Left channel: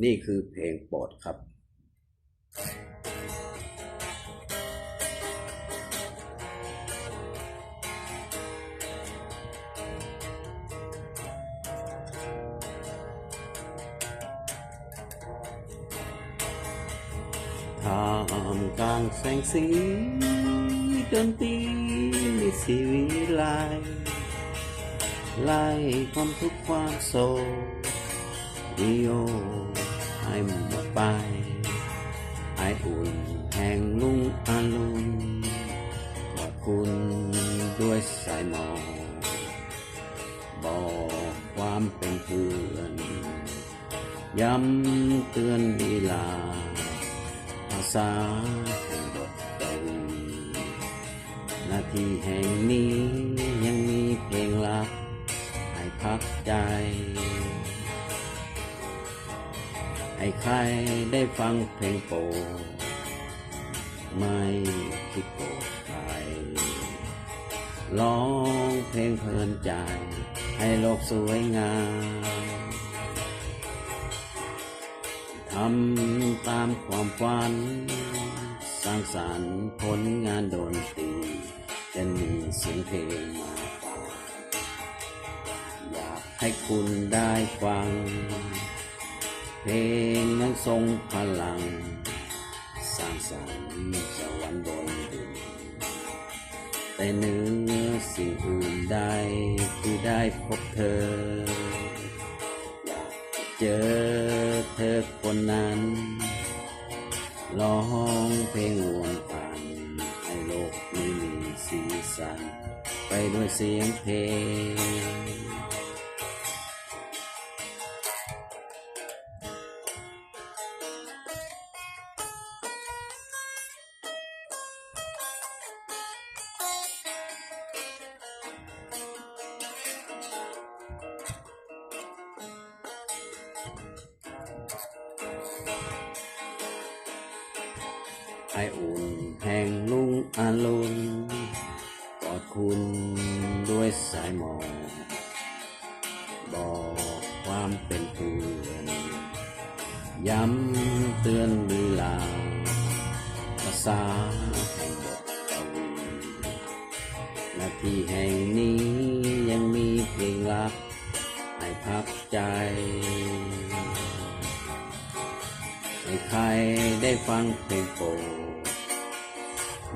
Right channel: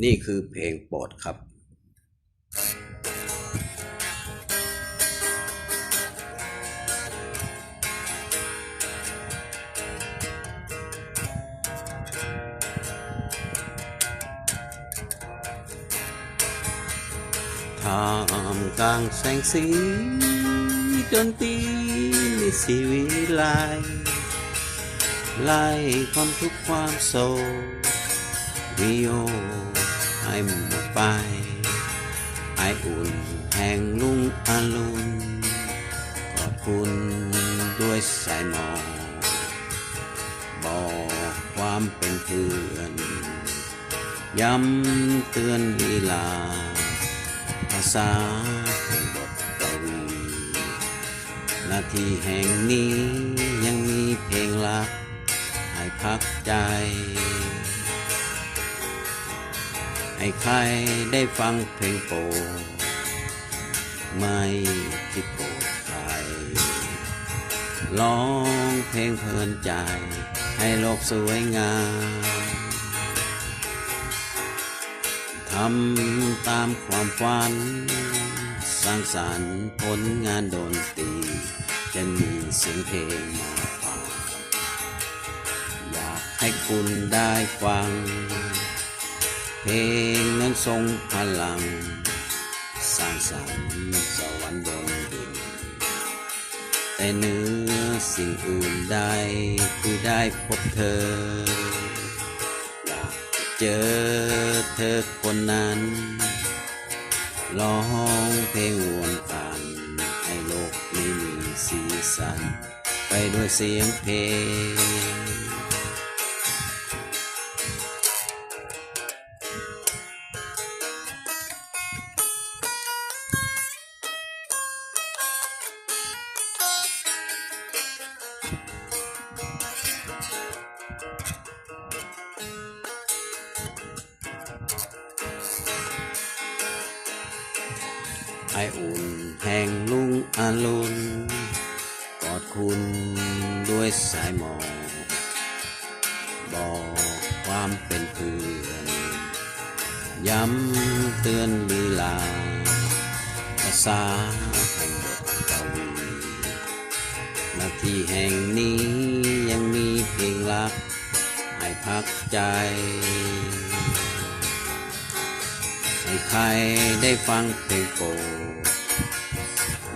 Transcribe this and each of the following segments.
นี่คือเพลงโปรดครับ ท่ามกลางแสงสีดนตรีมีสีวิไลไล่ความทุกข์ความโศกวิโย ด้วยสายหมอกบอกความเป็นเพื่อน ย้ำเตือนลีลา ภาษาเป็นบทกวีหน้าที่แห่งนี้ยังมีเพลงรัก ให้พักใจ ให้ใครได้ฟังเพลงโปรดไม่คิดโกรธใคร ร้องเพลงเพลินใจ ให้โลกสวยงามทำตามความฝัน สร้างสรรค์ผลงานโดนตี จะมีเสียงเพลงมาฝากอยากให้คุณได้ฟัง เพลงนั้นทรงพลัง สร้างสรรค์สวรรค์บนดิน แต่เหนื้อสิ่งอื่นใดคือได้พบเธอ อยากเจอเธอคนนั้น ร้องเพลงวนอันให้โลกนี้มีสีสัน ไปด้วยเสียงเพลง ไออุ่นแห่งลุงอาลุนกอดคุณด้วยสายหมอกบอกความเป็นเพื่อนย้ำเตือนลีลาภาษาแห่งบทกวีนาทีแห่ง ให้ใครได้ฟังเพลงโปรด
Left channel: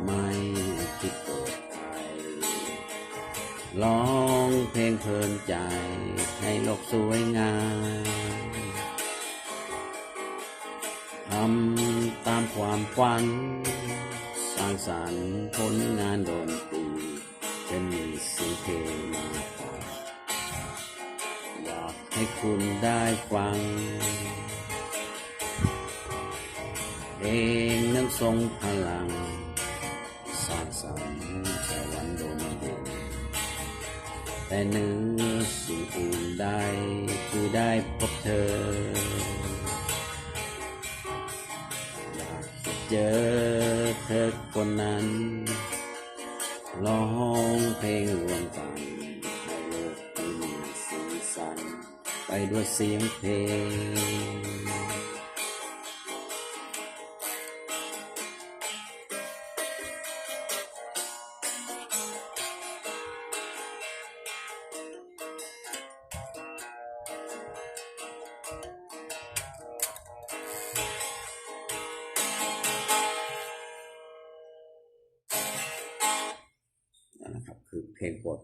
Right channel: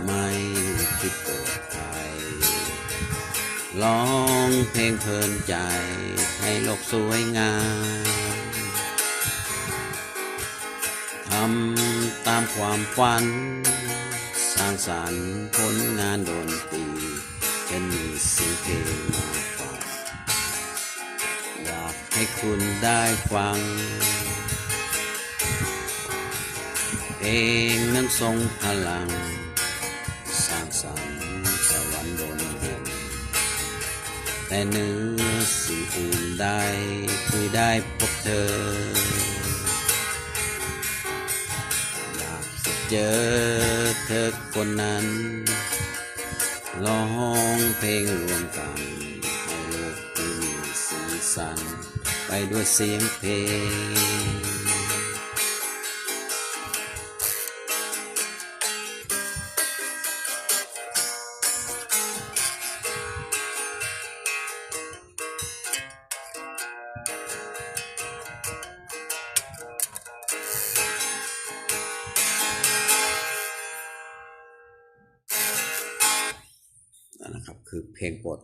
ไม่คิดโกรธใครร้องเพลงเพลินใจให้โลกสวยงามทำตามความฝัน สร้างสรรค์ผลงานโดนตรีจะมีสียงเพลงมาฝากอยากให้คุณได้ฟัง เพลงนั้นทรงพลัง สร้างสรรค์สวรรค์บนดินแต่เหนื้อสิ่งอื่นใดคือได้พบเธอ อยากจะเจอเธอคนนั้นร้องเพลงรวมกันให้โลกที่มีสีสัน ไปด้วยเสียงเพลง คือเพลงโปรด